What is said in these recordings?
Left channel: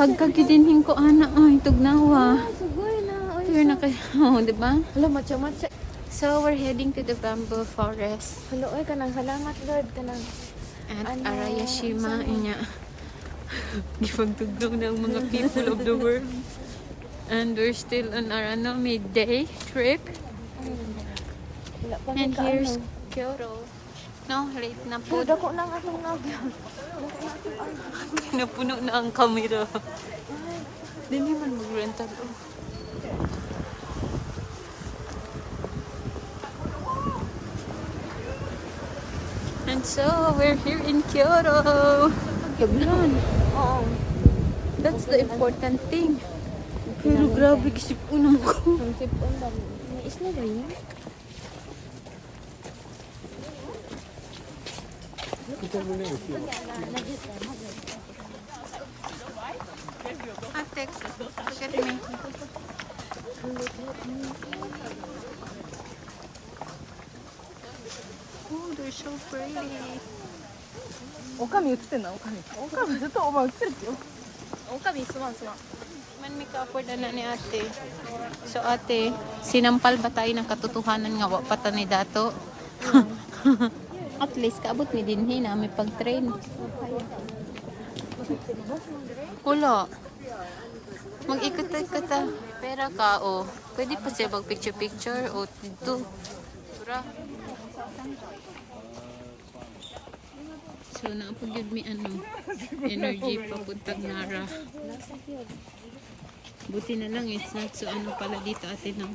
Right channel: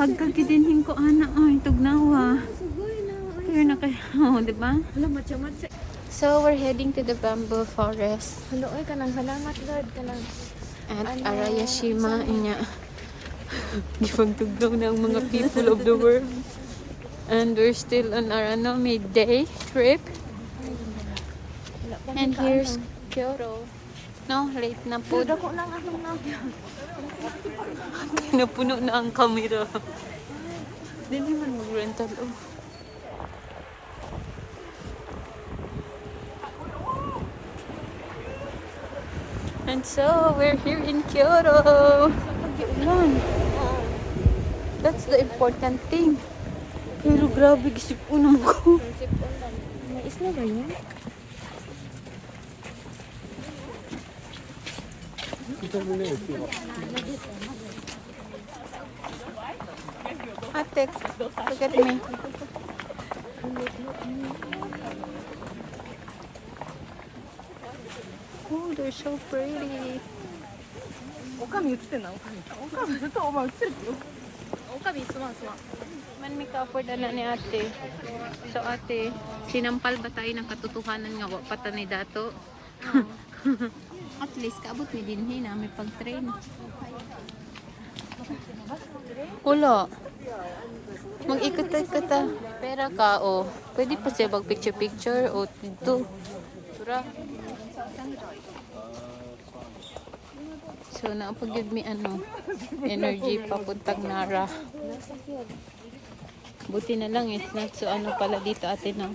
Pagkagidinhin ko, ana, ay, tugnawa. Pero na kayo, oh, diba? Hello, matcha-matcha. So, we're heading to the bamboo forest. Hello, kanang salamat, Lord. Kanang At Ano, Arayashima, inya. Gipagtugnaw ng mga people of the world. And we're still on our midday trip. And here's Kyoto. No, late na po. Dako lang ako na. Napuno na ang camera. Hindi man mag-rental. Oh. And so, we're here in Kyoto. Taglan. Oo. That's the important thing. Pero grabe, kisipunan ko. Sipon ba? Nais na rin yun. Ate, look at me. Oh, they're so pretty. おかみ映ってんだ、おかみずっとお前映ってるよ。おかみすまんすまん。 Man, may ka-afford na ni ate. So ate, sinampal ba tayo ng katotohanan nga wapata ni dato? At least kaabot ni dinhi na may pag-train. Wala. Mag-ikot tayo ka ta. Pera ka, o. Pwede pa siya mag-picture-picture o dito. Sura. So, naapag-give me energy papuntang Nara. Buti na lang, it's not si pala dito ate na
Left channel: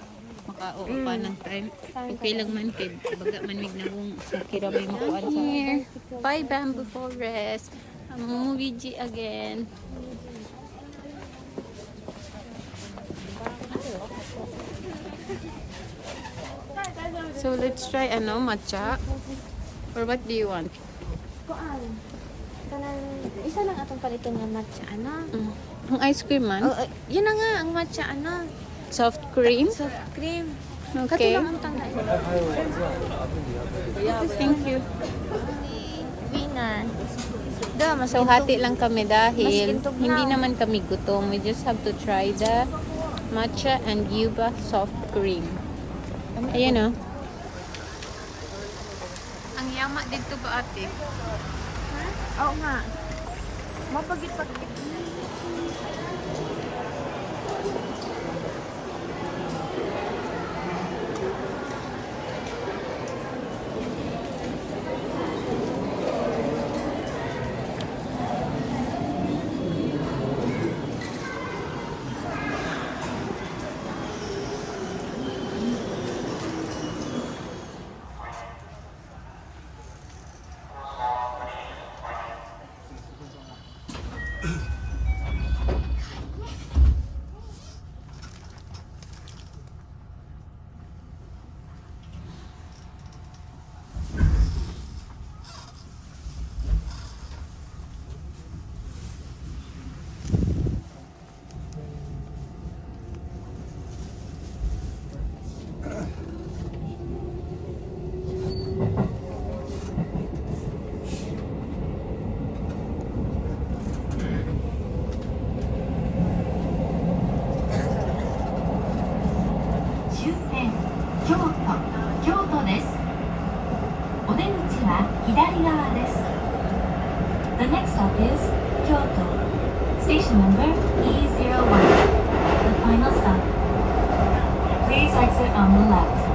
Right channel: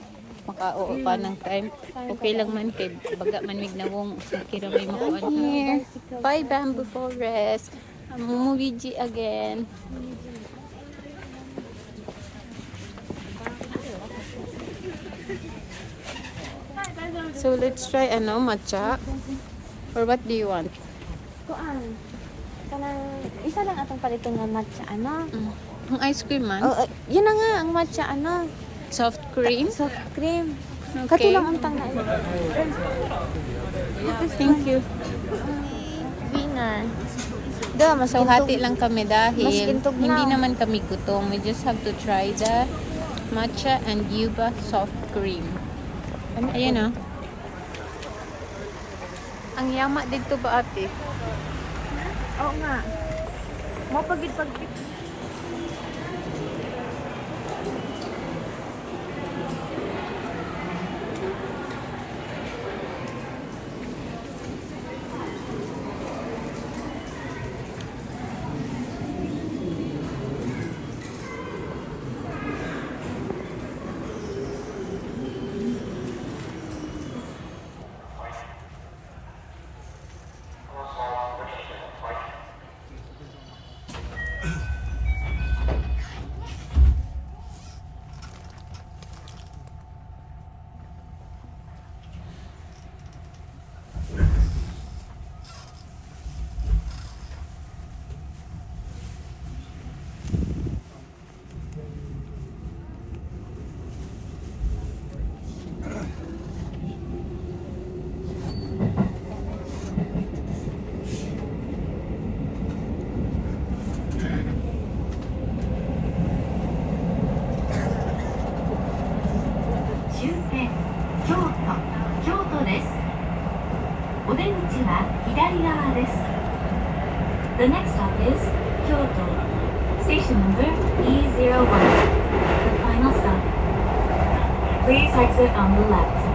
makao pa ng time. Okay lang man po. Baga manig na wong nakira may makuan sa. Here. Bye bamboo forest. Mumuwiji again. So let's try matcha. Or what do you want? Kuan. Kanang isa lang atong paliton nga matcha Ang ice cream man? Oh, yun na nga ang matcha Soft cream? soft cream. Okay. Katulang ang tangna. Thank you. Winner. Da, mas So hati lang kami dahil Mas gintog na. hindi naman kami gutom. We just have to try the matcha and yuba soft cream. Ayan o. Ang yama dito ba ate? Oo nga. Mo pagit. The next stop is Kyoto. Station number E01. The final stop. Please exit on the left.